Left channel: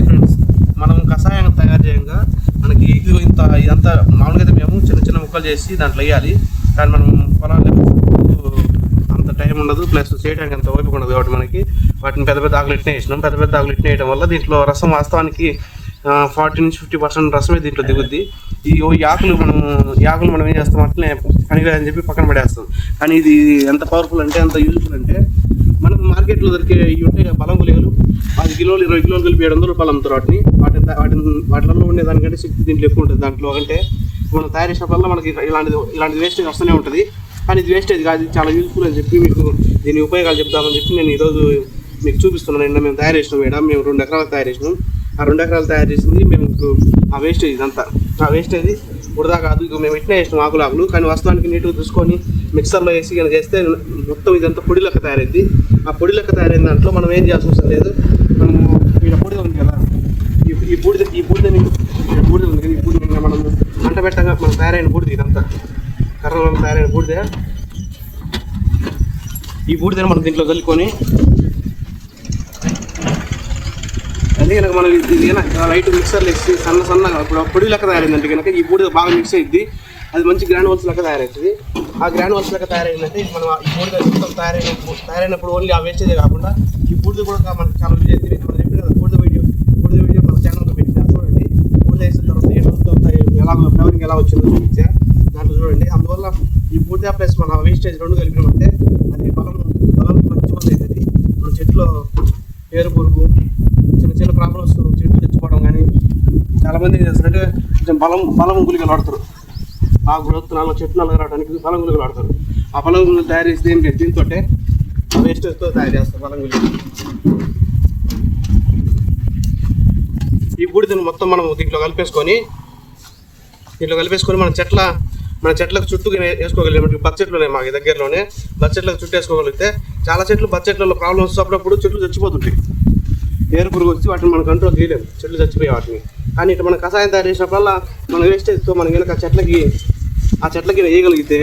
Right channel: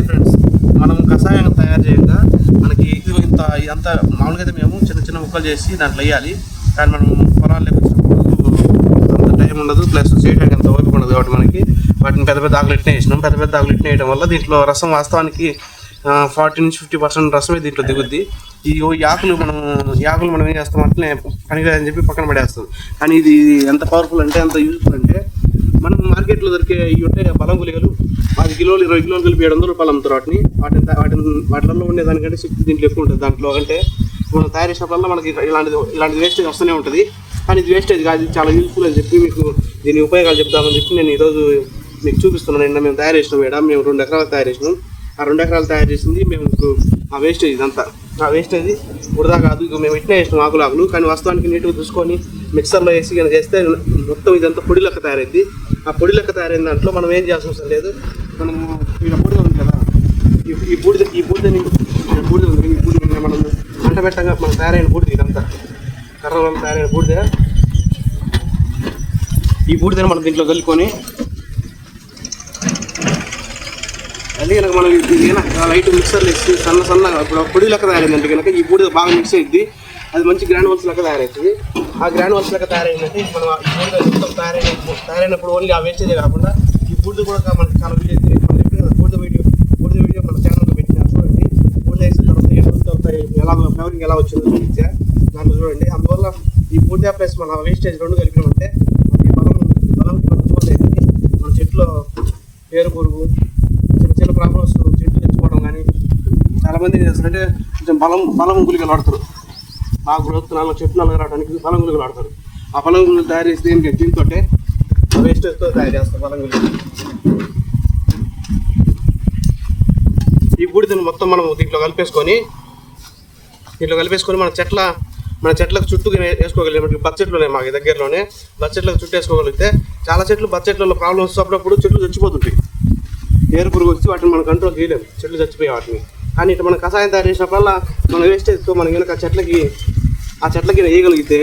Hi friends, మనం కషాయం తయారు చేయగా మనకి ఇదంతా మామూలుగా అయితే మేము చిన్న చిన్న ముక్కలు చేసి దాంట్లో వేయాలి. కానీ మనం పొలాల్లో అంత టైం ఉండదు, ప్లస్ చేయడానికి అంత ఓపిక ఉండదు. కాబట్టి మనకి వాటిని పెద్ద పెద్ద ఆకులు ఇట్నే వేసినాం. పెద్ద పెద్ద ఆకులు ఇట్నే వేయడం వల్ల దీంట్లో రసం వాస్తవానికి 40 నుంచి 50% రసమే దీంట్లో దిగుద్ది. ఈ ఆకులు మనం ఏం చేస్తాం అట్లనే పనికిరాదని చెప్పి పక్కన పడేస్తాం. కానీ ఇది ఎంత పవర్ఫుల్ అంటే ఎంత యూజ్ఫుల్ అంటే మనకు మార్కెట్లో దొరికే ఇవి ఉంటాయి బలం గుళికలు 10 కిలోలు 20 కిలోలు కలిపి 700 రూపాయలు అమ్ముతారు. వాటిలో ఉండే దానికంటే శక్తి దీంట్లో ఎక్కువ ఉంటుంది. దాంట్లో అంటే మనం తయారు చేసినప్పుడల్లా మనకి ఇలాంటి వేస్టేజ్ వస్తూనే ఉంటుంది. కానీ ఇది వేస్టేజ్ కాదు, ఇది చాలా యూజ్ఫుల్ అని చెప్పి మీకు దీని ఉపయోగాలు చెప్తామని చెప్పి నేను ఈరోజు మీకు చూపిస్తున్నాను. నిన్న మేము తయారు చేసినాం మేడం, మేము 2 ఎకరాలు తయారు చేసినాం. ఆ 2 ఎకరాలు తయారు చేసింది మేము ఆ వేస్టేజ్ ఇదంతా. ఆ వేస్టేజ్ వృధా కాదు, ఇక మేము ఇట్లా వేసినాం ఆకులు. కానీ వాస్తవానికి నీట్గా చూసుకొని మిక్సర్లో వేసి కనుక చేస్తే మొత్తం ఇదంతా పొడి లెక్క తయారైంది. ఆ పొడి లెక్క తయారైన దాంట్లో మనం ఏం చేయాల్సిన అవసరం లేదు. మనము ఇలా బూడిద ఉంది కదా, ఈ బూడిదని మనం మంట పెట్టగా మనం తయారైన బూడిద, ఇదంతా కర్రలో తయారైన బూడిద. ఈ బూడిదని మనం దీంట్లో కలుపుకొని అది కనుక మనం లైట్ మిక్సర్లు వేసి సన్నగా ఇప్పుడు పొడి లెక్క తయారైందంటే కనుక ఈ బూడిద బాగా మిక్స్ అయ్యింది. అది మంచి గ్రాన్యువల్స్ లెక్క తయారవుతుంది. ఆ గ్రాన్యువల్స్ లెక్క తయారైందంటే మనం ఈ బూడిద మొత్తం తయారైనప్పుడు ఓన్లీ ఆ వేస్టేజే కాకుండా ఈ బూడిద కూడా మనకి చాలా మనం చెప్పిన బూడిద వీడియో మన ఛానల్లో పెట్టినా చూడండి. బూడిద వేసిన తర్వాత ఏ రోజులు అవుతాయి, ఎలా ఫ్లవరింగ్ ఎలా వచ్చిందో చూపించా, దాంట్లో చూడండి. అందువల్ల ఈ బూడిద ప్లస్ మన వేస్టేజ్ 2 కలిపినామంటే అది బలం మంచి అవుతుంది. మన చెట్లో వేరు పురుగు చిన్న ప్రాబ్లమ్స్ చెట్లు తెచ్చుకోవడం కానీ చాలామంది ఏం చేస్తారంటే కొంచెం బలం గుళికలు వాడతారు. ఆ గ్రోత్ చెట్లు నలగరావడానికి బలం గుళికలు వాడతారు. ఆ బలం గుళికలు తయారు చేసి దీంతో వేస్టేజ్తో తయారు చేస్తారు బలం గుళికలు. ఈ బూడిదని మొత్తం మనం దీంట్లో కలిపేసుకొని మన చెట్లకు చుట్టూ వేసుకోగలిగే బడ్జెట్లు ఉన్నాయి మాకు దగ్గరలోనే. బడ్జెట్లకు చుట్టూ వేసుకోగలిగితే చాలా చెట్లు బడ్జెట్లలో ప్రాబ్లమ్స్ అప్పుడప్పుడు చెట్లు చచ్చిపోతుంటాయి. ఏరు పురుగు వచ్చి వాటిని మనం కంట్రోల్ చేయలేము, చెట్లు చచ్చిపోయే వాటిని. కానీ ఇట్లా మనం కషాయం తయారు చేసినప్పుడల్లా మన వేస్టేజ్తో మనం కనుక ఆ చెట్లకి వేయగలిగితే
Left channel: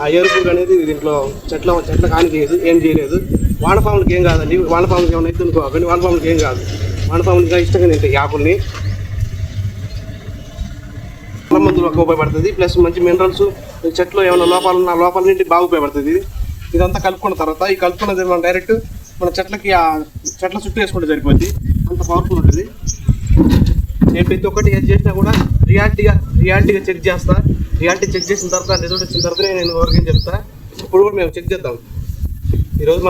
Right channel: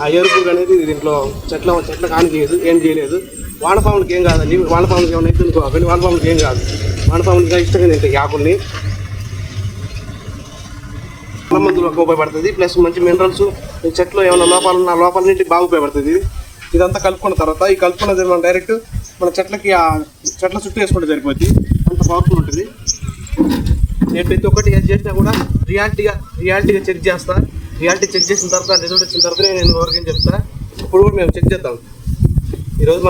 ఆ ఏరు పురుగు అనేది దీంట్లో చెట్ల కానికేయదు, ఏం చేయలేదు. వానపాములకి ఏం కాదండి. వానపాములకి ఏమైనా అయితే అనుకోకండి, వానపాములకి ఏం కాదు. వానపాములకి ఇష్టంగా తింటాయి ఈ ఆకుల్ని. చాలా మందులకు ఉపయోగపడుతుంది. ప్లస్ మంచి మినరల్స్ చెట్లు ఏమైనా లోపాలన్నింటికి బాగా ఉపయోగపడుతుంది. ఇదంతా కలుపుకున్న తర్వాత ఈ కలుపుకున్నది మనం డైరెక్ట్ మన చెట్ల చుట్టూ వేసుకుంటే సరిపోద్ది. అంత పవర్ఫుల్ ఉంటుంది. నేను ప్రతి ఒక్కటి ఏది చేసినా కూడా రియాలిటీగా చెక్ చేస్తా. రియాలిటీ చెక్ చేసిన తర్వాత రిజల్ట్ వచ్చిన తర్వాతనే నేను ఎవరికేం చెప్తా. ఇప్పుడు కూడా మేము చెక్ చేద్దాం. ఈరోజు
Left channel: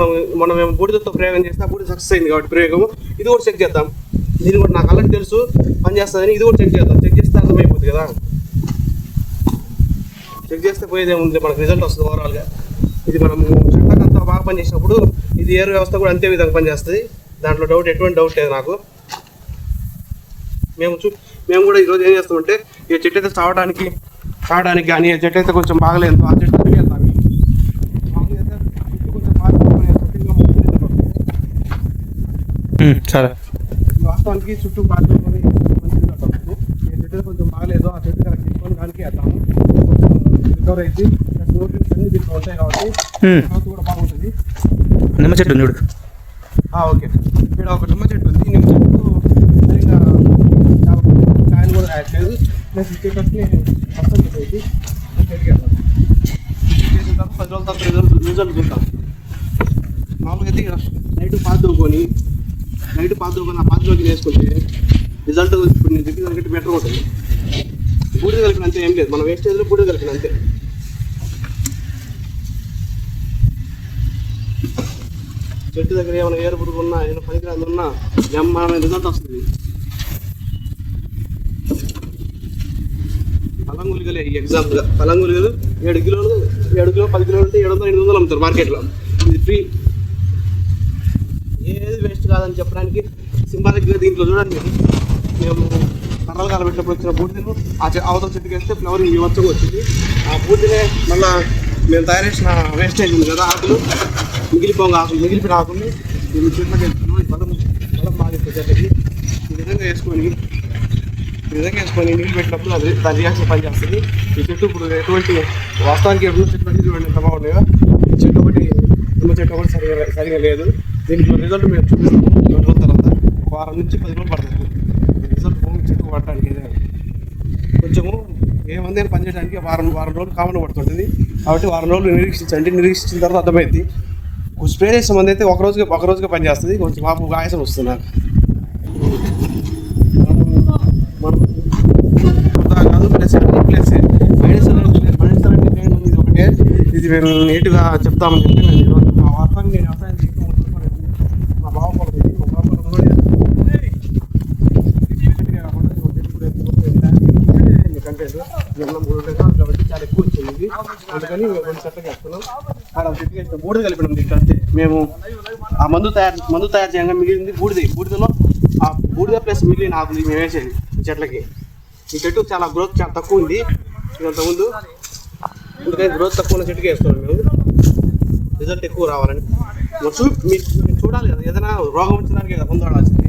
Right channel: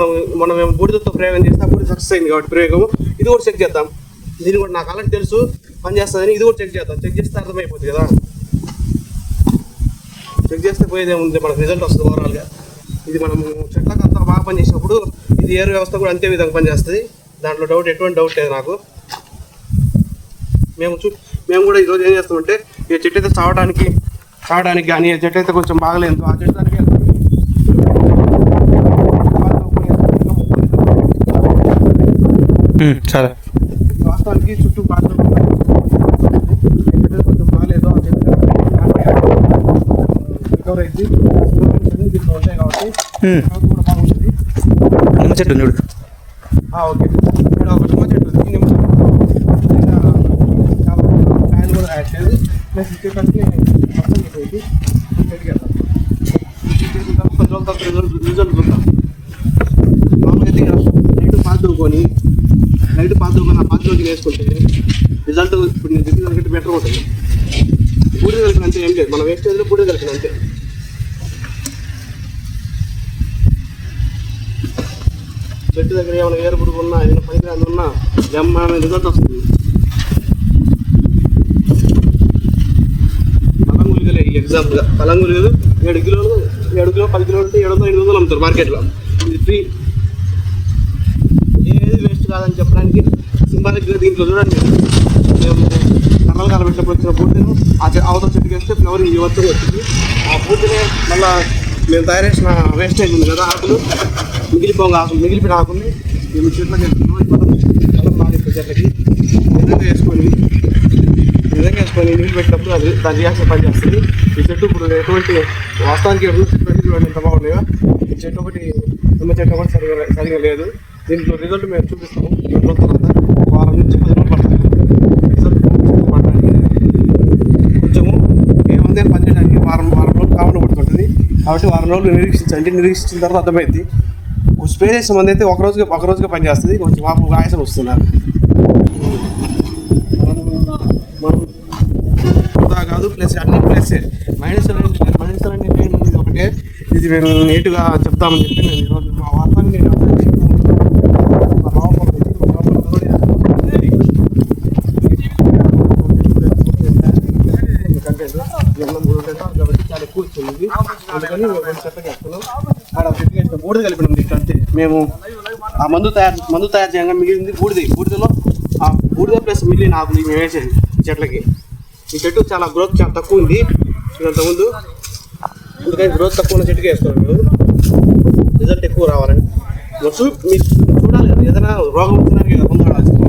మేము బూడిదతో ప్రయోగం చేస్తే బూడిద సక్సెస్ అయింది కాబట్టి ప్రయోగం ఇది కూడా చెక్ చేద్దాం. దీన్ని కూడా నాకు అలాంటి తెలుసు పని చేస్తుందని ఇది కూడా చెక్ చేద్దాం. చెక్ చేస్తే అర్థమైపోతుంది కదా. చెక్ చేస్తే పోయేదే ఉంది, మనకు రిజల్ట్ వస్తుంది ఓవరాల్గా. ఇది మనము చెట్లకంతా బాగా పనిచేసినప్పుడు ఇది ఏరు వ్యవస్థ కూడా అంతే విధంగా పనిచేస్తుంది. దాంట్లో ఎటువంటి డౌట్ లేదు నాకు. మేము కూడా ఈరోజు ఏం చేస్తామంటే ఈ చెట్టు అయితే చావడానికి కానీ ఈ చెట్టు అయితే కొంచెం బాగలేదు ఆ చెట్టు దగ్గరికి వెళ్తాం. సరే, వాస్తవానికి చుట్టూ బాగా చెట్టు కొంచెం బాగలేదు ఆ చెట్టు రికవర్ అయింది. దీంట్లో ఉంటాయి కాబట్టి కూడా బాగుంటుంది. నిమ్మ చెట్టు చూడు. ఓకే, ఇక్కడ ఒక నిమ్మ చెట్టు ఉంది. నిమ్మ చెట్టు కాయలు కూడా యాడ్ చేయదు. ప్లస్ చెట్టుకి మొత్తం పెట్టేది 10 రోజుల తర్వాత రిజల్ట్ చూద్దాం. మామూలుగా అయితే నైట్ పాదుకొని ఆ పాదులోకి వేసుకుంటే రిజల్ట్ ఇప్పుడు నేను చెప్పిన దానికంటే బెటర్ ఉంటుంది. బూడిద కలిపినంతే ఏం లేదు, మన వేస్టేజ్లో బూడిద కలిపినంతే. చెట్టు దగ్గర ఏమైనా ఏరు పురుగు ఉన్నా ఏమైనా పనికిరాని ఉన్నా బ్రహ్మాండ రిజల్ట్ వస్తుంది. బలం గుళికలే ఈ ఎగ్జాంపుల్గా. బలం గుళికలు 7 కిలోలు 10 కిలోలు ఉంటే 700-800 అమ్ముతారు మార్కెట్లో. ఇది ఫ్రీ, ఏది వేస్ట్ కాదని చెప్పడానికి సింబాలిక్గా దీంట్లో చూడండి. మేము కర్రలు కాలబెట్టినప్పుడు వచ్చిన బూడిదను అవతల చెట్టుకి వేస్తే ఫ్లవరింగ్ ఇవ్వచ్చు వచ్చింది. ఆ బూడిదనే మళ్ళీ మేము తయారు చేసిన వేస్టేజ్ ఉంది కదా, ఆకులు మిగిలిపోయిన ఆకుల్ని మేము చెట్లకి బలం బాగా చెట్లకి విధంగా వేసుకొని నీళ్ళు పెట్టినప్పుడు అది దాని రియాక్షన్ పనిచేస్తుంది. ఈ చెట్టు ఇప్పుడు ఎటువంటి వాస్తవానికి చెట్లు చూడండి ఎంత బాగున్నాయో. ఈ చెట్టు ఒకటి నిమ్మ చెట్టు ఒకటి సరిగా లేదు. దీంట్లో రిజల్ట్ మేము చూపిస్తాం. తర్వాత 1 వారం నుంచి 10 రోజులు పడుతుంది. మంది పనిచేయడానికి వారం రోజులు కామన్ పడుతుంటుంది. కాబట్టి వారం రోజులు నిరీక్షించండి. నిరీక్షించిన తర్వాత అర్థమైంది. స్ప్రే చేసే మంది అయితే ఒక రోజుగా పనిచేస్తుంది. కొంచెం మాకు ఆయాసం వస్తున్నారు. మనం కాదు ప్లస్ అన్ని ప్లస్ మైనస్ ఒకటే. ఇది మేము నీట్గా చెప్తామని చెప్పి నేను ఈరోజు మా వార్తని నేను కంటెంట్ కాబట్టి చాలా ఎక్కువ వచ్చింది. అందుకని రెండు సెట్లు చేస్తున్నాం. బూడిద కలిపినాం అంతే. మేము ఆ మందు తయారు చేయగా మిగిలింది బూడిదలో ఆ బూడిద ప్లస్ మిగిలిన ఆకులు మేము వేసేది చెట్లకి. ఈ చెట్టు చాలా గ్రోత్ చాలా తక్కువ ఉంది ఇంతకుముందు. అందుకని గ్రోత్ తక్కువ ఉన్న చెట్టుకి వేస్తున్నాం మేము, రిజల్ట్ ఎక్కువ రావాలని. మీరు చూడాలి కదా, ఏదైనా రోగం వచ్చినానికి ముందు వాడాల్సింది.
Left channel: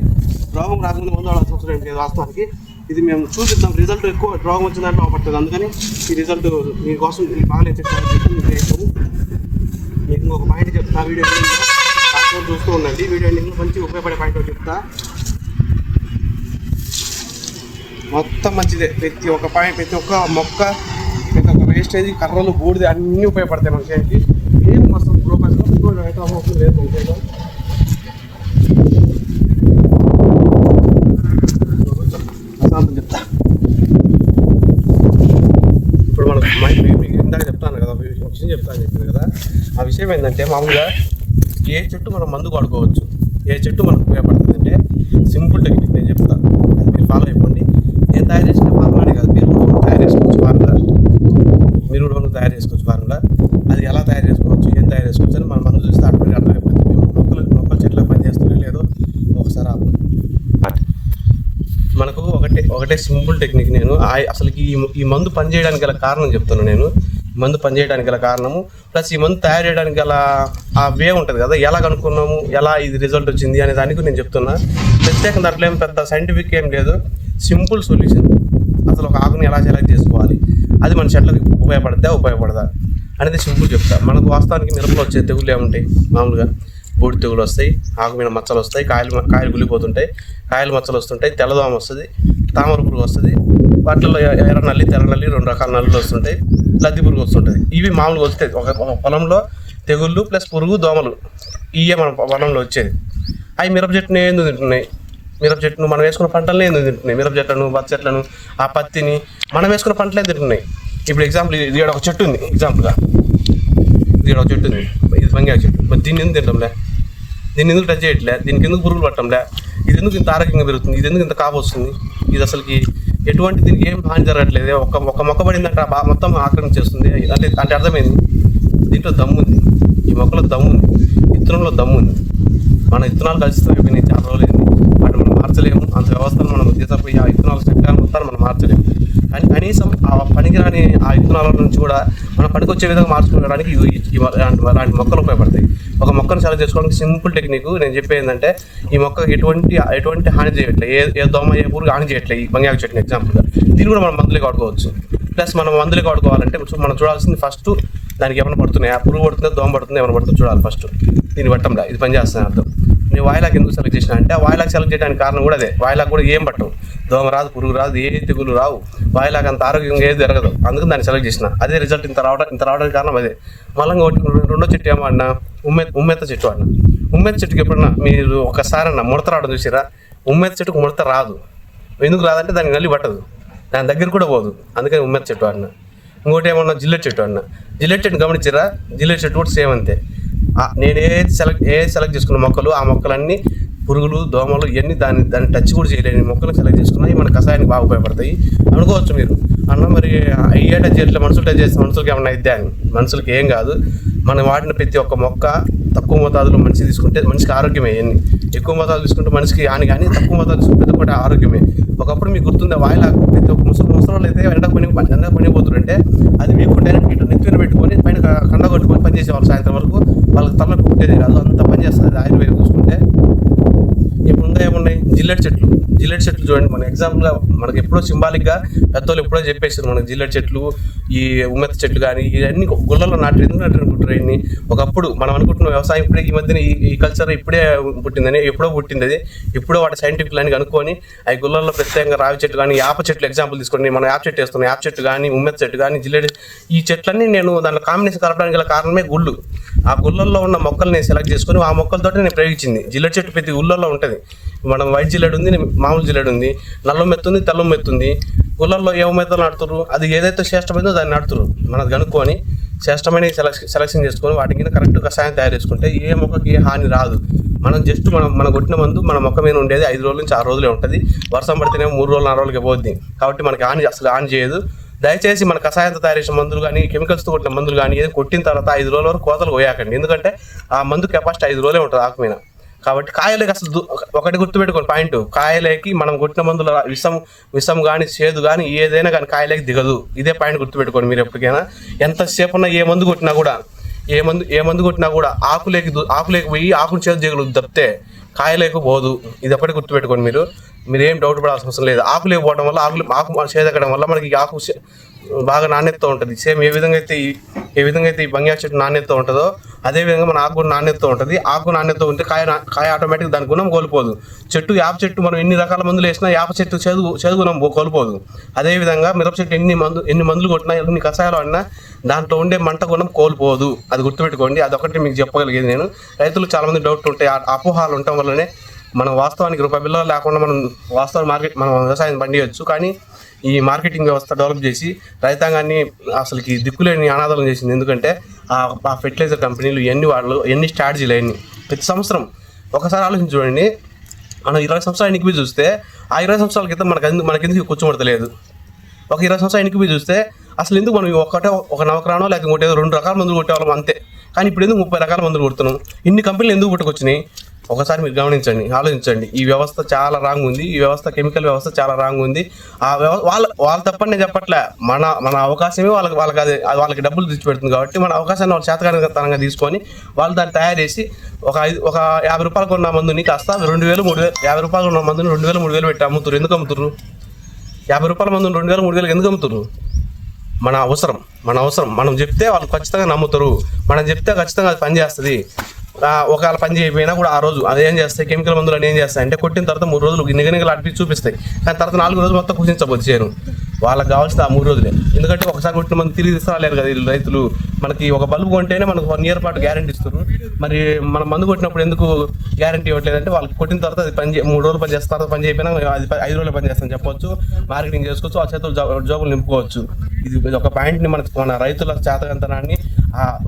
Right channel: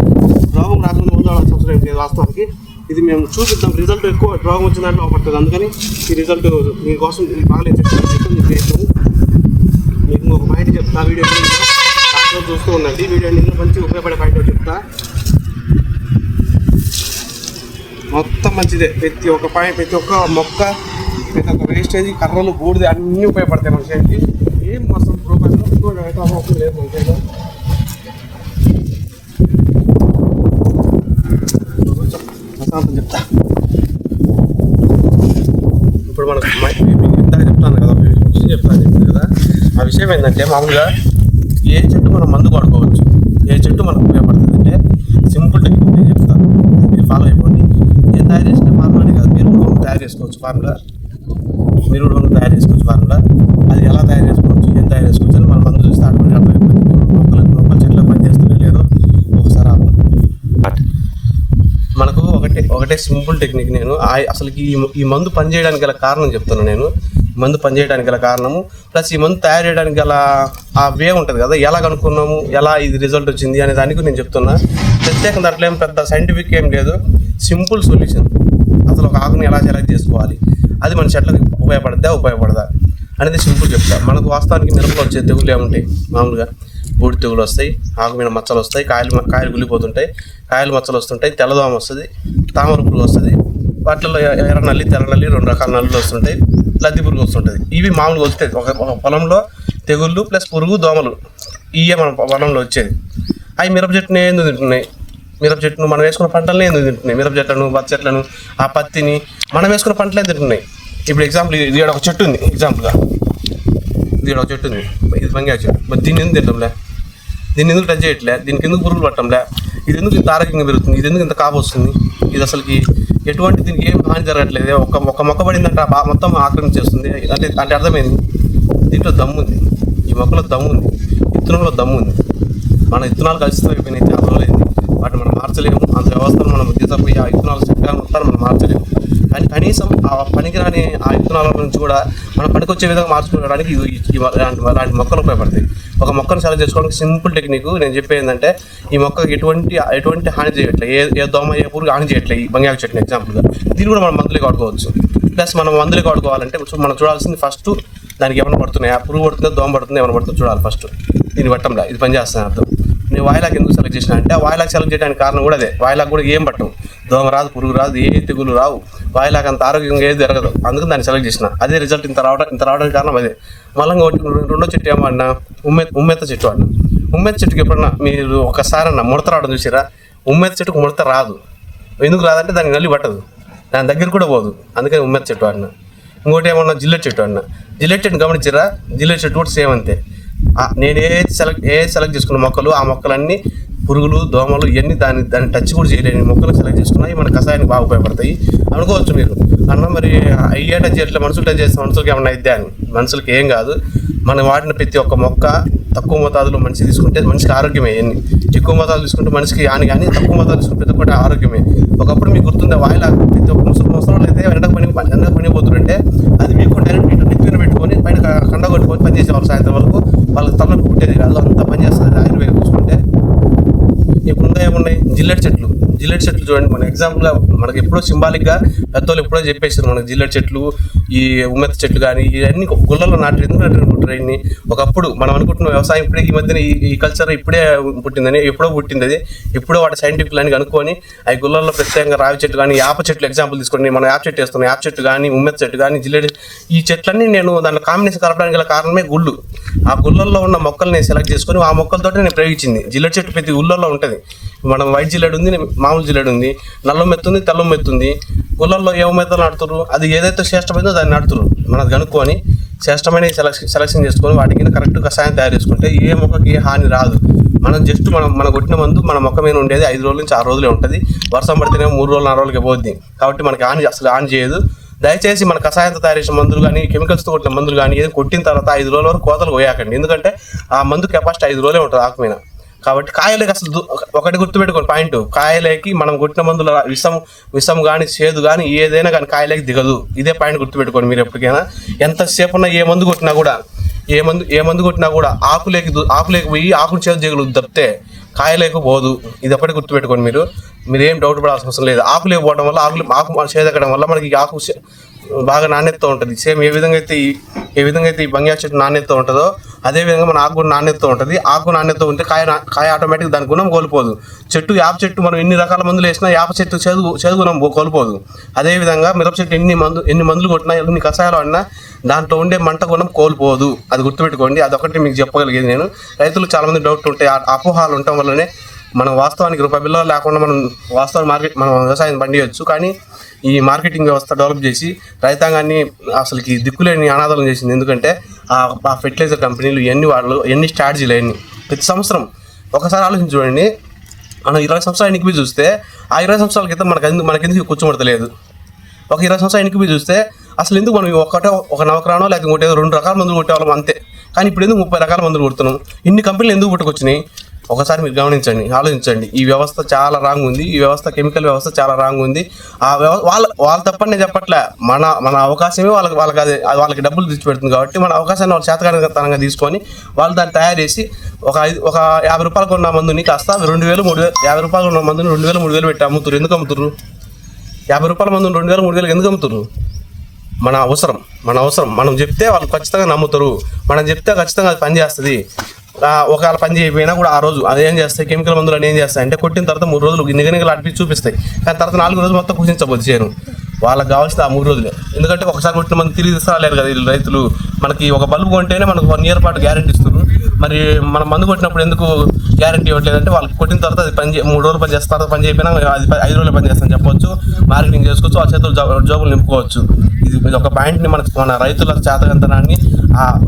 రోగం రాకుండా ముందు వాడాల్సిన అవసరం ఏం లేదు వాస్తవానికి. ఇది మేము చూపిద్దాం, రిజల్ట్ ఎక్కువ రోగం వచ్చిన దాంట్లో పడుతుంది. అందుకని ఈ రిజల్ట్ మీకోసం బాగాలేదు చెప్తాను. మీకు వేసాము. మీకు ఇంకొక పాయింట్ చెప్తా. వీడియో ఎండింగ్లో లాస్ట్లో చూస్తూ ఉండండి. వీడియో ఎండింగ్లో మంచి ఉపయోగపడే పాయింట్ చెప్తా. మొత్తం మంచిదే. ప్రతి ఒక్క మొక్క, ప్రతి ఒక్క వేస్టేజ్, కర్రలు, బూడిద అన్నీ ఉపయోగపడతాయి మనిషికి. ఏం మొత్తం రూపాయలు పెట్టుకోవడం అయితే అవసరం లేదు మనిషిలో. చెప్తా. ఇప్పుడు మనకు ఇందాక చెప్తాను కదా, విషయం చెప్తాను కదా. ఆ విషయం ఏంటంటే మామూలుగా ఏ చెట్టు మనం మందు వాడుకోవచ్చు, ఏ చెట్టు మనకు ఉపయోగపడుతుంది అంటే సింపుల్ టెక్నిక్ నేను చెప్తాను. మీరు ఫాలో అయిపోండి. నేను తయారు చేసిన ఫార్ములానే కాదు, మీరు కూడా తయారు చేసుకోవచ్చు ఫార్ములా. అది ఎలా తయారు చేసుకోవచ్చు, ఏం తయారు చేసుకోవచ్చు అని మన మందు చూస్తే ఆటోమేటిక్ అర్థమైపోతుంది. మొక్కలు చెట్లు పని చేస్తూనే లేదో ఒకసారి మనకు ఒకటే సింపుల్ టెక్నిక్. నేను అసలు ఈ మందు పనిచేయడానికి గల కారణం చెప్తాను. నేను మందు పనిచేయడానికి గల కారణము ప్లస్ ఈ మందు తయారు చేయడానికి గల ఆ వే ఉంటుంది కదా, ఎలా కనుక్కున్నాము, ఎలా ఇది రిజల్ట్ వచ్చింది అనే దానికి నేను చెప్తున్నా. ప్రత్యేకంగా దాంట్లో ఏం పెద్ద సైంటిఫిక్ ఏం లేదు, సింపుల్ సొల్యూషన్. అసలు ఒక ఆకుని ఎలా సెలెక్ట్ చేసుకోవాలి, అది మన చెట్లకి ఉపయోగపడదా అనేది సింపుల్ చెప్తా. మనకు వాస్తవానికి మిరపలో వచ్చే తెగులు ఏముంటాయి, మామూలుగా బూడి తెగులు వస్తాయి, ఆకు మీద మచ్చలు వస్తాయి, కాయలు గులిపోతుంటాయి, కాయలు మచ్చలు వస్తుంటాయి, తెల్లదోమ వస్తుంది, తామర పురుగు వస్తుంది, వాటిల్లో ఎర్ర నల్లి, తెల్ల నల్లి, 2 రకాల నల్లులు వస్తుంటాయి, లద్ది పురుగు వస్తుంటుంది. ఇవి మామూలుగా వస్తాయి ఒక పొలంలో తెగుళ్ళు ప్లస్ పురుగు, దోమలు, ఇవే మన పొలంలో వచ్చేది. అవి మిరప చెట్టుని ఎందుకు తింటున్నాయి, మిరప చెట్టును మనం వేసుకున్న పంటలనే ఎందుకు తింటున్నాయి, మిరప చెట్లను, బత్త చెట్లను, ఆ పత్తిని మనం వేసుకున్న పంటలే తింటున్నాయి. ఇప్పుడు ఎగ్జాంపుల్ ఇది ఒక చెట్టు ఉంది, ఎగ్జాంపుల్గా ఇది ఒక చెట్టు ఉంది, ఇది బంగారు చెట్టు. మరి దీన్ని ఎందుకు తింటాంలే, దీన్ని ఎందుకు టచ్ చేయట్లే, దీనికి ఎందుకు పురుగులు పట్టంలే, ఇది ఎందుకు ఇంత ఆరోగ్యంగా పెరుగుతుంది, ఇది ఎందుకు ఇంత కాపు వస్తుంది, ఇది అసలుకి ఎటువంటి దీనికి ఏం హాని జరగట్లేదు, ఒక మొక్క పడిందంటే మొత్తం ఆక్రమించేస్తుంది అంటే అర్థమైంది. దీంట్లో దమ్ముంది, ఈ మొక్కలో దమ్ముంది, విత్తనంలో దమ్ముంది. మన విత్తనాలు కలిసిపోయినాయి, చాలా రోజులైంది. వాటిని మనం మార్చలేము, అంత వ్యవస్థను మనం తీసుకుపోయి ఆ విత్తనాలు చక్కగా మొత్తాన్ని మనం మార్చలేము. కానీ కనీసం ఆ పనికిరాని ఆ విత్తనాల నుంచి కూడా మనం పనికొచ్చే విధంగా మార్చుకోవడానికి అలాంటి మొక్కలు ఉపయోగపడతాయి. ఒక మొక్కను సెలెక్ట్ చేసుకోవడానికి సింపుల్ టెక్నిక్ నేను చెప్పేది ఏంటంటే, ఈ మొక్కకి ఎటువంటి హాని చేయట్లేదు, ఏ దోమ ఏ పురుగు హాని చేయట్లేదు. ఈ బంగారు చెట్టుని ఎగ్జాంపుల్గా దీన్ని కూడా మనం మందులకి వాడుకోవచ్చు. ప్లస్ మనం మందులకి వాడుకోవాలంటే మనం చూడాల్సింది ఫస్ట్ దానికి ఏమైనా పడుతున్నాయి, ఆ పురుగు పడుతుందో దోమ పడుతుందో ఏమైనా పడుతుందో చూడాలి ఫస్ట్. దీన్ని పట్టంలా ఇది పనిచేస్తాను అర్థం. నేను వాయిలాక్ ఎందుకు సెలెక్ట్ చేసిన అంటే, వాయిలాక్ సెలెక్ట్ చేయడానికి కారణం కూడా అదే. వాయిలాక్ కూడా ఏం పట్టవు, దోమ రాదు, పురుగు రాదు, ఏ తెగులు రావు, వాయిలాక్ అంత ఆరోగ్యంగా ఏది జరగదు. అందుకని దాన్ని సెలెక్ట్ చేసిన. అదే రిజల్ట్ ఇంత రావడానికి కారణం అదే. మళ్ళీ రెండో చెట్టు ఏమో అన్నా, ఉమ్మెత్త చెట్టు అన్న. ఉమ్మెత్త చెట్టుకి ఎప్పుడన్నా మీరు ఒకసారి అన్న ముడత రావడం చూసిరా, ఉమ్మెత్త చెట్టుకు ముడత రాదు. ఎందుకు రాదంటే దానికి నల్లి పట్టదు, దాని దగ్గర కూడా పోదు, అందుకని ఉమ్మెత్త చెట్టు అన్న. ఇంకోటి ఏమన్నా జిల్లెట్ చెట్టు అన్న. జిల్లెట్ చెట్టు గమనించారా, జిల్లెట్ చెట్టు కూడా సేమ్ అంతే. నేను ఏది సెలెక్ట్ చేసుకున్న మొక్కలు, ఆ మొక్కలన్నీ పురుగులు, దోమలు ఇవన్నీ దాన్ని టచ్ కూడా చేయలేని మొక్కలు సెలెక్ట్ చేసుకున్నాయి. మన కషాయానికి బాగా ఉపయోగపడతాయి అనుకోవచ్చు మీరు. అన్న మరి అయ్యే టచ్ చేయట్లేదు, మనుషులు టచ్ చేస్తే మనుషులకి ఏమన్నా ఇద్దా అని. మనుషులకి ఏం కాదు. మనం వాడిన ప్రతి ఒక్క మొక్క తక్కువ మోతాదులో మనిషి తీసుకుంటే మనిషికి ఆరోగ్యమే. ఎన్ని ఎక్కువ మోతాదు తీసుకుంటే మనిషికి హాని, కానీ తక్కువ మోతాదు తీసుకుంటే ప్రతి ఒక్కటి ఆరోగ్యమే. ఒకప్పుడు మీకు గుర్తుందా, వాయిలాక్ ప్రతి ఒక్క ముసలి అయితే ఎండకు పనిపోతుంటే అది మీకు డైరెక్ట్ ఇటు నెత్తిన పెట్టుకొని పైన కండ కొట్టుకొని పనిచేసేవాళ్ళు. సాయంత్రం వరకు వాళ్ళకి తలకు పుట్టేది కాదు, అంత పనిచేస్తుంది ఆయుర్వేదం చూసుకుంటే. ఇప్పుడు ఇంకా ఏమున్నాయి, జిల్లెట్ చెట్లు చూడండి. మన ఎగ్జాంపుల్గా మనకి ఎప్పుడో సింబాలిక్గా పెద్దోళ్ళు ఎప్పుడో చెప్పేసారు మనకి జిల్లెట్ చెట్లు, ఈ ఉమ్మెత్త చెట్లు కానీ ఇవన్నీ గుళ్ళలో ఎందుకు నాటారు బ్రెయిన్ని. ఒకప్పుడు మనం అనుకుంటున్న వ్యవసాయం ఇప్పుడే ఈ మధ్యన ఈ కల్చర్ ఇప్పుడే పుట్టిందని, ఎప్పుడో పుట్టింది అది. ఎప్పుడో వాటి సైంటిఫిక్ లైన్ కనుక్కొని అవి గుళ్ళల్లో ప్రత్యేకంగా రావి చెట్టు కానీ, యాప చెట్లు ఎగ్జాంపుల్ తీసుకోండి. మనం యాప చెట్టు వేస్తున్నాం, యాప చెట్టు కానీ, ఉమ్మెత్త చెట్టు కానీ, జిల్లేడు, ఈ చెట్లన్నీ నేను దాంట్లో కాంబినేషన్ కలపడానికి గల కారణమే గుళ్ళు. ఆ గుళ్ళల్లో ఉన్న మొక్కలు నేను సెలెక్ట్ చేసుకొని ఆ మొక్కలతో నేను ప్రయోగించింది. జిల్లెడు చెట్టు ప్రతి ఊళ్ళల్లో ఉంటుంది. మనం వైట్ జిల్లేడు ఉంది, మామూలు జిల్లేడు ఉంది, నల్ల మెత్తుంది, తెల్ల మెత్తుంది. గుళ్ళల్లో ఏ మెత్తలు నాటుతారు, అది ఏదైతే శ్రేష్టమైందో దాన్ని నాటుతారు. మనది కనుక్కొని శ్రేష్టమైన సెలక్షన్ చేసుకొని వాటికి కరెక్ట్ కషాయం తయారు చేసుకుంటే ఏ మొక్కకి ఏ హాని రాదు. మనం జస్ట్ మనం కొట్టిన మందు మన మొక్క మీద ఉండేది 5 రోజుల నుంచి 6 రోజులే ఉంటుంది. వర్షం పడితేనే 3 రోజులు 4 రోజులకి పోద్ది. కాబట్టి మనకి అసలు హాని చేయదు. దయచేసి మన కషాయంతో తయారు చేసిన మందులు కానీ, కెమికల్స్తో కొట్టిన మందులు కానీ ఏదో కొట్టిన తర్వాత 5 రోజుల వరకు కోతలు పోయాకండి. ఎందుకంటే ఆ మందు కెపాసిటీ 5 రోజులే ఉంటుంది ఆకు మీద. కాబట్టి కాయలకి అసలు ఒకటి గుర్తుపెట్టుకోండి పాయింట్, కాయలకి మనం కొట్టిన మందుల విషం కానీ, చేదు కానీ ఏదైనా కానీ కాయలకి దిగదు. ఇదే పాయింట్ గుర్తుపెట్టుకోండి మీరు ఎప్పటికైనా. ఎంతసేపు ఉన్నా ఏ మందు కొట్టినా కూడా ఆకులేకి పోయి ఆకును చేదు దిగలు తప్పితే కాయలేక పోదు. ఇది ఎప్పటికీ గుర్తుపెట్టుకోండి మీరు ఏం డౌట్ పడాల్సిన అవసరం లేదు. ఆకులేక పోవడం వల్ల ఆకు చేదెక్కడం వల్ల మనకి ఆకు బాగా నాణ్యతతో ఉంటుంది. సేమ్ ఏ విధంగా అయితే ఈ బంగ్యా చెట్టు నాణ్యతతో ఉంటుందో అదేవిధంగా మన ఆకు కూడా నాణ్యతతో ఉంటుంది. ఆకు నాణ్యతతో ఉంటే కాయ ఆటోమేటిక్ దాని గుణం కోల్పోదు. యాప చెట్టు మనం ఎన్ని రకాల మందులు వేసినా యాప చెట్టు చేదు గుణం కోల్పోదు. అదేవిధంగా మిరప చెట్టు ఎన్ని మందులు కొట్టినా, ఎన్ని కషాయాలు ఆడినా దాంట్లో ఉండే మంట గుణం కోల్పోదు. అది గుర్తుపెట్టుకోండి. అదొకటి మీకు చెప్పగలిగేది నేను. రైతులు చాలామంది డౌట్ ఉంటాయి. అపోహాలు ఉండటం వల్లనే మనం వాస్తవానికి రూపాయి బిల్లు లేకుండా మనం వ్యవసాయం పండియచ్చు. కానీ ఈ మార్కెటింగ్ వ్యవస్థ డెవలప్ చేసి రైతాంగాన్ని అసలుకి దిక్కులేని అనాథాలను చేసింది. ఎందుకంటే ఆ ఫెర్టిలైజర్ కంపెనీలు ఎన్ని స్ట్రాటజీలు అయ్యి ప్రతి సంవత్సరం ఒకసారి ఆలోచించి చూడండి. మనం 20 సంవత్సరాలు ఎన్నికవి చూస్తే ఆ 20 సంవత్సరాల క్రితం మనకెందుకు కూర్చోబడతలేదు. ఒక 20 సంవత్సరాలు ఎన్నికవి చూస్తే అసలు ఎందుకు మనం ఒక నవక్రానో లేకపోతే 2 రకాల మందులు కొట్టేవాళ్ళం అంతే. కానీ ఇప్పుడు ఎందుకు 30 రకాల మందులు కొడుతున్నాం? ఇన్ని కంపెనీలు ఎందుకు పుట్టుకొచ్చినాయి? ఒకసారి మీరు గమనించండి, ఆలోచించండి. ఈ వ్యవస్థ చాలా రాంగ్ ఉంది. ఈ వ్యవస్థ కెమికల్ వ్యవస్థ చాలా రాంగ్ ఉంది. ఆ వాళ్ళ తప్పని నేను చెప్పట్లే. మన అవకాశమే వాళ్ళకి డబ్బులు తెచ్చిపెడుతుంది. కాబట్టి మన అవకాశాన్ని వాళ్ళు చేతకానితనంగా తీసుకొని వాళ్ళు దాన్ని తయారు చేసి ఒక 50 రూపాయలకు ఉన్న మందుని కాస్త 2,000, 3,000, 50 రూపాయలు ఉన్న మందుని 2,000, 3,000 పెట్టి అమ్ముతారు. ఎందుకు అమ్ముతారు? 50 రూపాయల మందుని 2,000, 3,000 ఎందుకు అమ్ముతారు? మన అవసరం మనం చెప్తే వాళ్ళు ఖచ్చితంగా నమ్ముతారు. మనం చెప్తే ఖచ్చితంగా అది పనిచేస్తుంది. ఒకవేళ పని చేయకపోయినా కూడా ఆ రోజు అదేం చేస్తాయి, కెమికల్ మందులు అని ఏం చేస్తాయి అంటే కొట్టిన తర్వాత 3 రోజులు నిగనిగలు అడిపి చూపిస్తాయి. కానీ తర్వాత 4 రోజులు మొత్తం కుషించబోద్ది చేయను. వాళ్ళకి కావాల్సిన ఆ 3 రోజులే. ఎందుకంటే ఒకసారి కొట్టిన మంది తిరిగి తీసుకురాలేరు కదా వీళ్ళు రైతులు. మనకి ఒక బల్బు కొంటేనే మనకు 1 year పాటు గ్యారెంటీ ఇస్తారు. మరి మనం మందు కొట్టినప్పుడు ఎందుకు గ్యారెంటీ ఇవ్వట్లేదంటే వాళ్ళకి కొట్టిన తర్వాత అది 3 రోజులు పని చేస్తారు. పని చేయకపోయినా అది 5 రోజులు పని చేస్తాను చెప్పొచ్చు. మార్కెటింగ్ చేసుకోవచ్చు, ఆ చేతులు జాబులు నింపుకోవచ్చు. ఇది ఒక పాయింట్ని మన రైతుల చేతకంతనాన్ని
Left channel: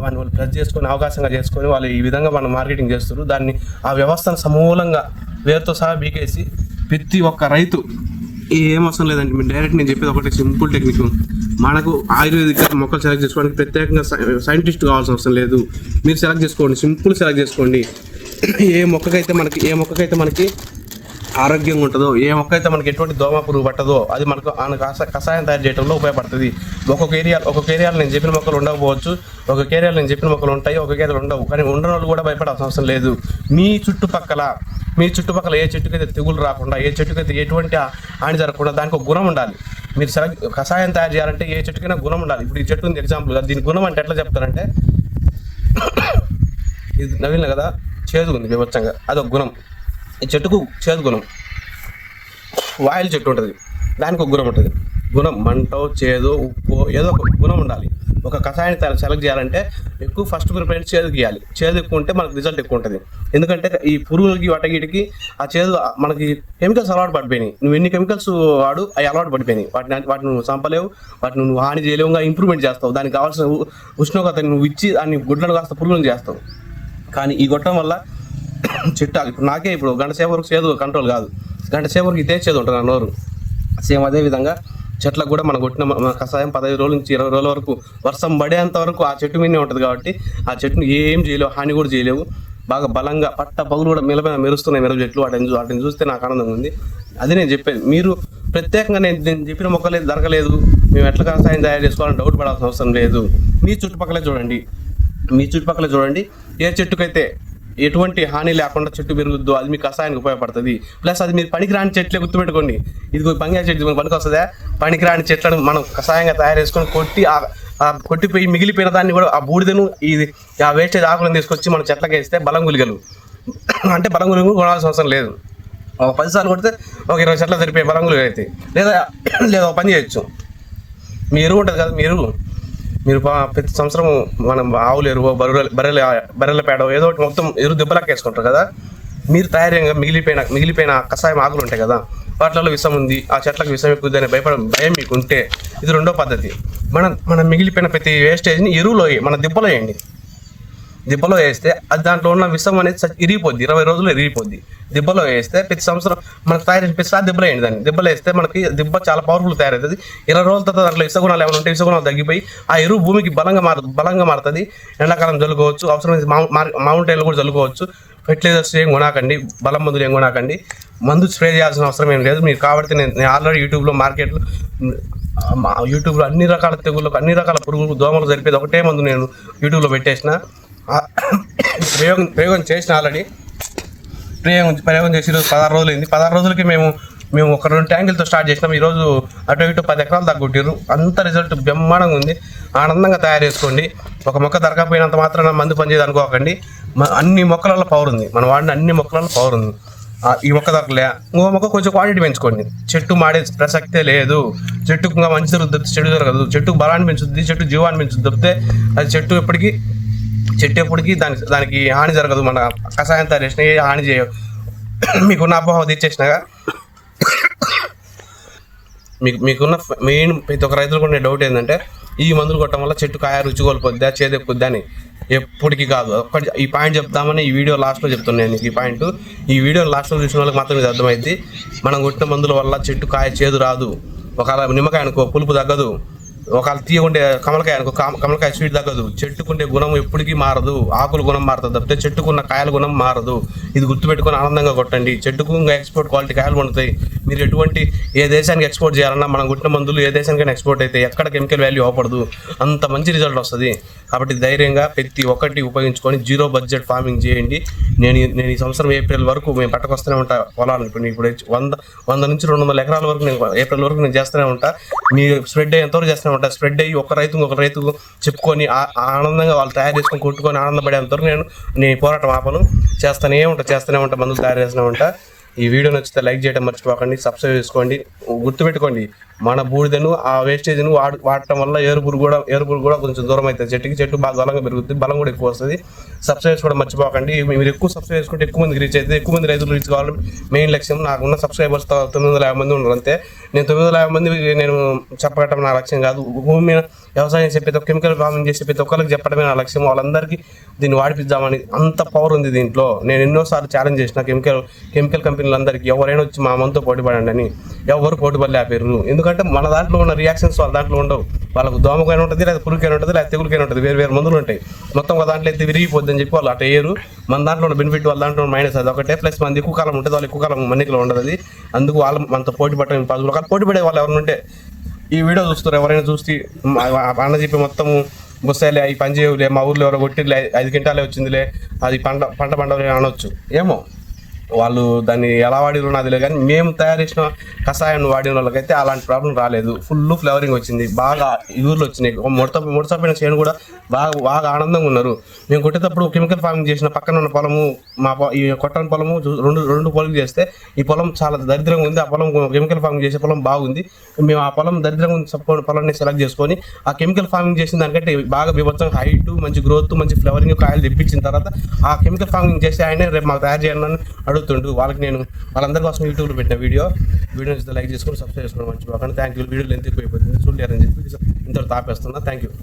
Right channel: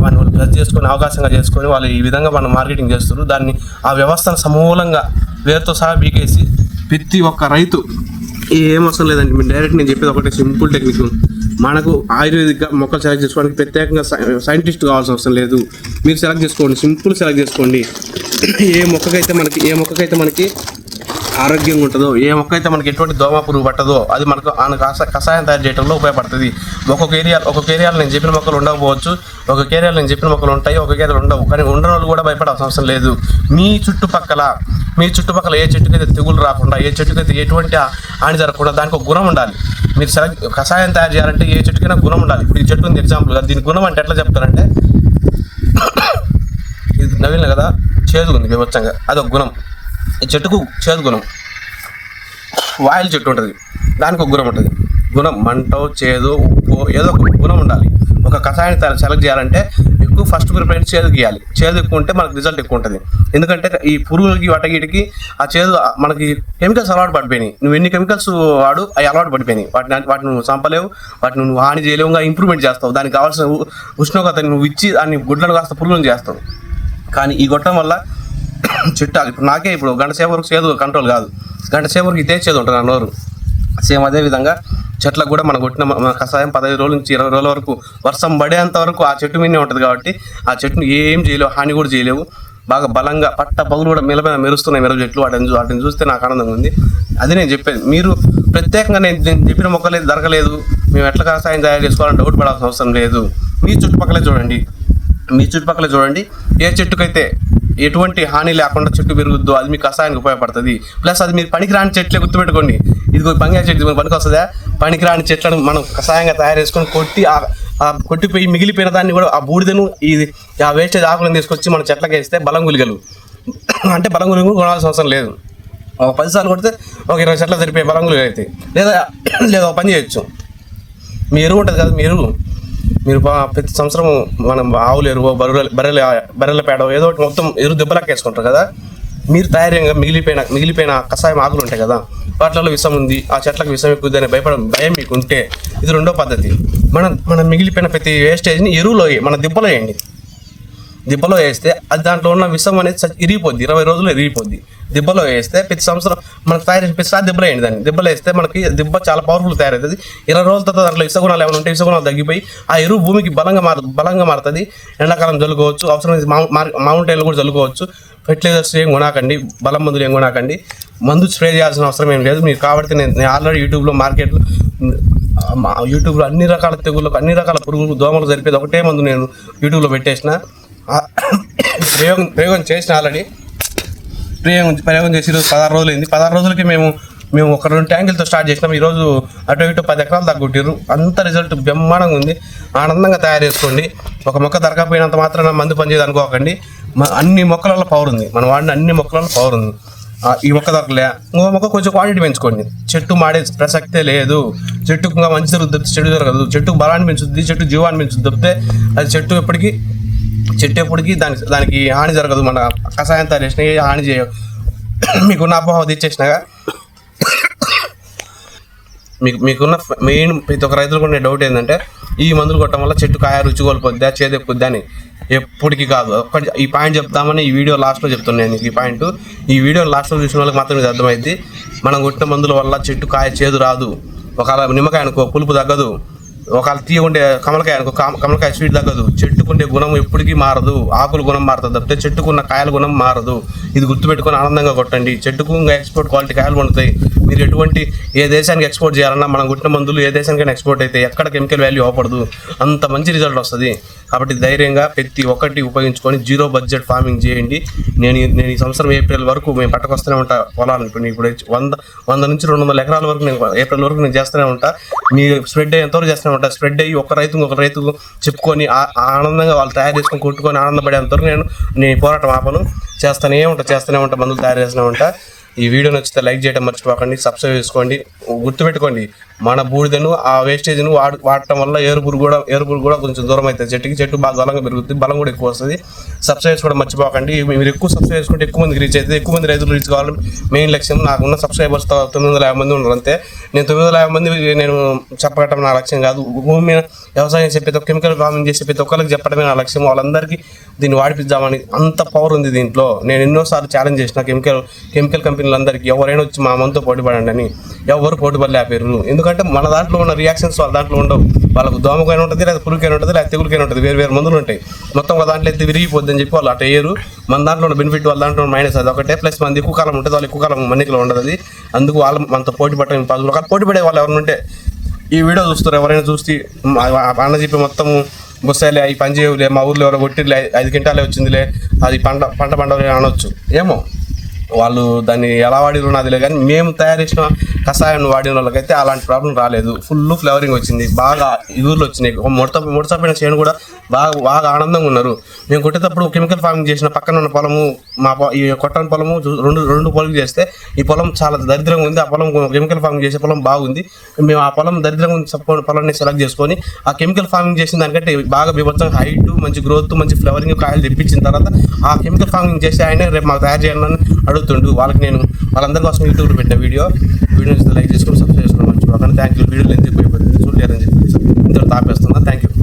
వాళ్ళు ప్లస్ చేసుకొని అవకాశంగా చేసుకొని వాళ్ళు ఈ విధంగా మనం మార్కెటింగ్ చేస్తారు. దాన్ని ఆ వ్యవస్థను సమూలంగా వేరుతో సహా బీకేసి ప్రతి ఒక్క రైతు ఏం అవసరం లేదండి. మీరు డైరెక్ట్ నేను చెప్పేది ఒకటే సింపుల్ టెక్నిక్. మనకు ఆయుర్వేదిక మొక్కలు సెలెక్ట్ చేసుకోవడానికి ప్రత్యేకంగా సైంటిస్ట్ కావాల్సిన అవసరం లేదు. మీరు సెలెక్ట్ చేసుకోండి, సింపుల్ సెలెక్ట్ చేసుకోండి. ఏ మొక్కకైతే మనకి ఆరోగ్యంగా ఉంటుందో, ఏ మొక్క అయితే మనకి ఎటువంటి దోమ పురుగు పట్టదో అది మనకు కషాయం తయారు చేయడంలో ఉపయోగపడుతుంది. ఒక్కొక్క ఏరియాలో నేను చెప్పిన మొక్కలు ఉండకపోవచ్చు, ఒక్కొక్క ఏరియాలో నేను చెప్పిన మొక్కలు ఉంటాయి, ఒక్కొక్క ఏరియాలో ఉండవు. కానీ ఉండని వాళ్ళు కూడా భయపడాల్సిన అవసరం లేదు. మీ చుట్టుపక్కల ఏ చెట్టుకైతే తెగులు రాకుండా, ఏ చెట్టుకైతే ఎటువంటి హాని జరగకుండా దానికి ఒక గుణం ఉండాలి. మీరు కషాయం తయారు చేయాలంటే ఏ చెట్టుకైనా గుణం ఉండాలి. ఇప్పుడు ఈ చెట్టు ఉంది ఎగ్జాంపుల్గా, దీని గుణం అంటే ఎట్లా చెప్తారంటే ఇది నవీన కదా చేదు ఉంది వివచ్చంగా, అదొక గుణం. ఈ చెట్టుకు చేదు గుణం. వాయిల్ చెట్టు ఉంటుంది, దానికి ఒక గుణం ఉంటుంది. గుణం మంటో చేదు ఉప్పు ఏదో ఒక గుణం ఉండాలి. ఒక కషాయాన్ని సెలెక్ట్ చేయాలంటే ఎక్కువ ఫస్ట్ ప్రిఫరెన్స్ చేదు గీయాలి. చేదు ఎక్కువ ఉంటే మనకు రిజల్ట్ ఎక్కువ ఉంటుంది. ఎందుకంటే ఈ పురుగులకి వాటగిటికి ఆ చేదు మనకి కెమికల్స్ అలవాటు పడిపోయినాయి. నువ్వు ఎన్ని కెమికల్స్ వాడు అవి అలవాటు పడిపోయినాయి. వాటిని నువ్వు చంపలేవు, వాటిని నువ్వు హాని చేయలేవు, ఇంప్రూవ్మెంట్ చేస్తావు. దానికి కావాల్సిన ఉష్ణోగ్రతని నువ్వు ఇచ్చి దాన్ని గుడ్లను కాస్త పురుగులను చేస్తావు. కానీ ఈ గొట్టం వల్ల చెట్టు ఇప్పుడు నాకే ఇప్పుడు గంట సేపు వరకు చేదు కంట్రోల్ కాదు, గంట సేపు వరకు ఇదే చేదు ఉంటుంది నా నోరు. సేమ్ అదేవిధంగా చెట్లకు కూడా మనం కొట్టిన కషాయం 15 రోజుల నుంచి 20 రోజుల వరకు వర్షం పడేంత వరకు ఆ చెట్టు మీదనే ఉంటుంది. కాబట్టి ఆ చెట్టును ఏం చేయలేవు, హాని కూడా చేయలేవు. బాగా బలంగా పట్ట పగులు కూడా మెరుస్తున్నాయి మిరప చెట్లు. వాటిని చూస్తే నాకు ఆనందంగా ఉంది. అది నేను చెప్పేది. మీరు ప్రత్యేకంగా నేను చెప్పిన మొక్కలేదు దొరకలేదు, మేము ఎట్లా కషాయం తయారు చేసుకోవాలని డౌట్ పడాల్సిన అవసరం లేదు. మీ చుట్టుపక్కలే చూడండి. ఏ చెట్టుకైతే ఎటువంటి హాని లేకుండా చెట్టు పెరుగుద్దో అది మీ కషాయానికి ఉపయోగపడుతుంది. ప్లస్ అది మీరు పనికిరాని చెట్లే గుర్తుపెట్టుకోండి. ఇది బంగ్యా చెట్టు పనికి వస్తుందా? పనికిరాని చెట్లను మనం కషాయంగా తయారు చేసుకొని కొట్టి ఆ కొట్టిపోయి మిగిలిపోయిన దాన్ని కూడా ఆ బూడిదను ఆ వేస్టేజ్ ఆకులను తీసుకొచ్చి మన చెట్లకి వేస్తే బలం గులిగలు అంటే బలం గులిగలు కొనాల్సిన అవసరం లేదు. ఒక 10 సార్లు కొడితే ఒక 20 చెట్ల సరిపోయే బలం గులిగలు అవుతాయి. లేదా ఒక పని చేయొచ్చు, మీ ఎరువు ఉంటుంది కదా, మీరు ప్రతి సంవత్సరం మనం ఆవులు ఎరువు బర్రెల పేడ ఏదో ఒకటి మొత్తం ఎరువు దెబ్బలకు వేసుకుంటారు కదా, మీరు తయారీగా మిగిలిపోయిన కషాయం ఆకులు ఉంటాయి కదా, వాటిలో విషం ఉంది, ఆ చెట్లకు విషం ఎక్కువ అనే భయం మీకు ఉంటే ఇది రెండో పద్ధతి. మనం మిగిలిపోయిన ప్రతి వేస్టేజ్ని ఎరువులో మన దిబ్బలో వేస్తే అది దాంట్లో ఉన్న విషం అనేది ఇరిగిపోద్ది, 20 రోజులు ఇరిగిపోద్ది. దిబ్బలో వేస్తే ప్రతి సంవత్సరం మనకు తయారు ప్రతిసారి దిబ్బలో వేయండి, దాన్ని దిబ్బలో వేస్తే మనకి దిబ్బ చాలా పవర్ఫుల్ తయారవుతుంది. 20 రోజుల తర్వాత దాంట్లో విషగుణాలు ఏమైనా ఉంటే విషగుణాలు తగ్గిపోయి ఆ ఎరువు భూమికి బలంగా మారుతుంది. ఎండాకాలం చల్లుకోవచ్చు, అవసరమైతే మౌంటైన్లు కూడా చల్లుకోవచ్చు. ఫెర్టిలైజర్స్ ఏం కొనాకండి, బలం మందులు ఏం కొనాకండి, మందు స్ప్రే చేయాల్సిన అవసరం ఏం లేదు. మీరు కాబట్టి నేను ఆల్రెడీ యూట్యూబ్లో అన్ని రకాల తెగుళ్ళకు అన్ని రకాల పురుగులు దోమలు జరిపేది ఒకటే మందు నేను యూట్యూబ్లో పెట్టేసిన. ప్రయోగం చేసిన ఆల్రెడీ ప్రయోగం చేసి 16 రోజులు అయింది. 16 రోజులకి మేము ఒక 2 ట్యాంకులతో స్టార్ట్ చేసినాం. ఈరోజు అటు ఇటు 10 ఎకరాలు తగ్గొట్టారు. అంత రిజల్ట్ బ్రహ్మాండంగా ఉంది. ఆనందంగా తయారు చేసుకోండి. ఒక మొక్క దొరకపోయినంత మాత్రం మందు పనిచేయదు అనుకోకండి. అన్ని మొక్కలలో పవర్ ఉంది, మనం వాడిన అన్ని మొక్కలలో పవర్ ఉంది. ఈ మొక్క దొరకలే, ఇంకో మొక్క కొంచెం క్వాంటిటీ పెంచుకోండి. చెట్టు మాడే ప్రసక్తే లేదు. చెట్టుకు ఇంకా మంచి జరుగుతుంది, చెట్టు జరగదు. చెట్టుకు బలాన్ని పెంచుద్ది, చెట్టు జీవాన్ని పెంచుద్ది తప్పితే అది చెట్టు ఎప్పటికీ దానికి హాని జరగదు. మన కషాయం తయారు చేసినా ఏ హాని చేయవు. మీకున్న అపోహ తెచ్చేసినాగా మీకున్న మెయిన్ ప్రతి ఒక్క రైతులకు ఉండే డౌట్ ఏంటంటే ఈ మందులు కొట్టడం వల్ల చెట్టు కాయ రుచి కోల్పోద్దా, చేదెక్కుద్దా అని. ఎప్పటికీ కాదు. ఈ పాయింట్ చెప్తామని ఈ వీడియో లాస్ట్లో చెప్తున్నాను. ఈ పాయింట్ ఈ వీడియో లాస్ట్లో చూసిన వాళ్ళకి మాత్రం ఇది అర్థమైంది. మనం కొట్టిన మందుల వల్ల చెట్టు కాయ చేదు రాదు. ఒకవేళ నిమ్మకాయ అనుకో పులుపు తగ్గదు, ఒకవేళ తీయకుండే కమలకాయ అనుకో కమలకాయ స్వీట్ తగ్గదు. చెట్టుకుండే గుణం ఎప్పటికీ మారదు. ఆకుల గుణం మారుతుంది తప్పితే చెట్టుకున్న కాయల గుణం మారదు. ఇది గుర్తుపెట్టుకొని ఆనందంగా కొట్టండి. చెట్టుకు ఇంకా ఎక్స్పోర్ట్ క్వాలిటీ కాయలు పండుతాయి. మీరు ఎటువంటి ఏ దేశానికి ఎక్స్పోర్ట్ చేయాలన్నా మనం కొట్టిన మందులు ఏ దేశానికైనా ఎక్స్పోర్ట్ అయితే ఎక్కడ కెమికల్ వాల్యూ అవ్వకూడదు, అంత మంచి రిజల్ట్ వస్తుంది. కాబట్టి ధైర్యంగా ప్రతి ఒక్కటి ఉపయోగించుకొని జీరో బడ్జెట్ ఫార్మింగ్ చేయండి. నేను ఈ సంవత్సరం ఏప్రిల్ వరకు మేము పట్టుకొస్తూనే ఉంటా పొలాలను. ఇప్పుడు 100 నుంచి 200 ఎకరాల వరకు నేను ఏప్రిల్ వరకు నేను చేస్తూనే ఉంటా. మీరు స్ప్రెడ్ అయ్యేంతవరకు చేస్తూనే ఉంటా. స్ప్రెడ్ అయ్యి ఒక రైతుకు చెప్పుకొని ఆనందంగా వాళ్ళు తయారు చేసుకొని కొట్టుకొని ఆనందపడేంతవరకు నేను పోరాటం ఆపను. చేస్తూనే ఉంటా, మందులు తయారు చేస్తూనే ఉంటా. ఈ వీడియో నచ్చితే లైక్ చేయడం మర్చిపోకండి, సబ్స్క్రైబ్ చేసుకోండి. గుర్తుపెట్టుకోండి, మన బూడిదను ఆ వేస్టేజ్ను వాడటం వల్ల ఏరుపురు కూడా కొంచెం దూరం అవుతుంది. చెట్టు బాగా బలంగా పెరుగుతుంది, బలం కూడా ఎక్కువ వస్తుంది. సబ్స్క్రైబ్ చేసుకోవడం మర్చిపోకండి. మీరు ఎక్కువ సబ్స్క్రైబ్ చేసుకుంటే ఎక్కువ మందికి రీచ్ అవుతుంది, ఎక్కువ మంది రైతులు రీచ్ కావాలి మెయిన్ లక్ష్యం. నాకున్న సబ్స్క్రైబర్స్ 950 మంది ఉన్నారు అంతే. నేను 950 మంది నేను చెప్పగటం నా లక్ష్యం కాదు. భూమి మీద వ్యవసాయం చెప్పేది కెమికల్ ఫార్మింగ్ చేసే ప్రతి ఒక్కరికి చెప్పడమే నా లక్ష్యం. వాళ్ళందరికీ దీన్ని వాడిపిద్దామని అంత పవర్ ఉంది దీంట్లో. నేను ఎన్నోసార్లు ఛాలెంజ్ చేసిన కెమికల్ కంపెనీలందరికీ ఎవరైనా వచ్చి మా మనతో పోటీ పడండి అని. ఎవరు పోటీ పడలేపారు. ఎందుకంటే మన దాంట్లో ఉన్న రియాక్షన్స్ వాళ్ళ దాంట్లో ఉండవు. వాళ్ళకు దోమకైనా ఉంటుంది, లేదా పురుగుకైనా ఉంటుంది, లేదా తెగులకైనా ఉంటుంది. వేరు మందులు ఉంటాయి. మొత్తం ఒక దాంట్లో అయితే విరిగిపోద్ది అని చెప్పి వాళ్ళు అటు వేయరు. మన దాంట్లో ఉన్న బెనిఫిట్ వాళ్ళ దాంట్లో మైనస్ అది ఒకటే. ప్లస్ మనది ఎక్కువ కాలం ఉంటుంది, వాళ్ళు ఎక్కువ కాలం మన్నికలో ఉండదు. అది అందుకు వాళ్ళు మనతో పోటీ పడటం పాజిబుల్ కాదు. పోటీ పడే వాళ్ళు ఎవరైనా ఉంటే ఈ వీడియో చూస్తారు, ఎవరైనా చూసి అన్న చెప్పి మొత్తం బుస్తాయిలే ఈ పని చేయలే, మా ఊర్లో ఎవరో కొట్టిలే 5 క్వింటాలే వచ్చిందిలే, అది పంట పండలే అనొచ్చు. ఏమో వాళ్ళు దాన్ని ఎలా వాడిరో నాదిలే, కానీ మేము తయారు చేసిన కషాయాన్ని వాడిన వాళ్ళకైతే అలాంటి ప్రాబ్లం రాలేదు. ఫుల్ ఫ్లేవరింగ్ వచ్చింది, బాగా ఊర్లో వచ్చినాయి. ముడతపోయిన చేను కూడా బాగా ఆనందంగా ఉన్నారు. మేము కొట్టేటప్పుడు కెమికల్ ఫార్మింగ్ చేసిన పక్కన ఉన్న పొలము ఈ కొట్టని పొలము రెండు పొలం చేస్తే ఈ పొలం చాలా దరిద్రంగా ఉంది. ఆ పొలం కెమికల్ ఫార్మింగ్ చేసే పొలం బాగుంది. మేము ఆ పొలం దరిద్రంగా ఉంది పొలాన్ని సెలెక్ట్ చేసుకొని ఆ కెమికల్ ఫార్మింగ్ చేసిన దానికంటే బాగా బీభత్సంగా హైట్, మంచి గ్రోత్, మంచి ఫ్లేవరింగ్ కాయలు తెప్పించిన తర్వాత ఆ కెమికల్ ఫార్మింగ్ చేస్తే ఆయన రేపు మాకు తయారు చేయాలని అడుగుతుండు. వాళ్ళందరి కోసం యూట్యూబ్లో పెట్టిన వీడియో లైక్ చేసుకొని సబ్స్క్రైబ్ చేసుకోవడం మర్చిపోకండి. Thank you. వీడియోలు ఎందుకు అయిపోతుంది చూడలేరని చెప్పి ఇంత తాపేస్తున్నా. Thank you.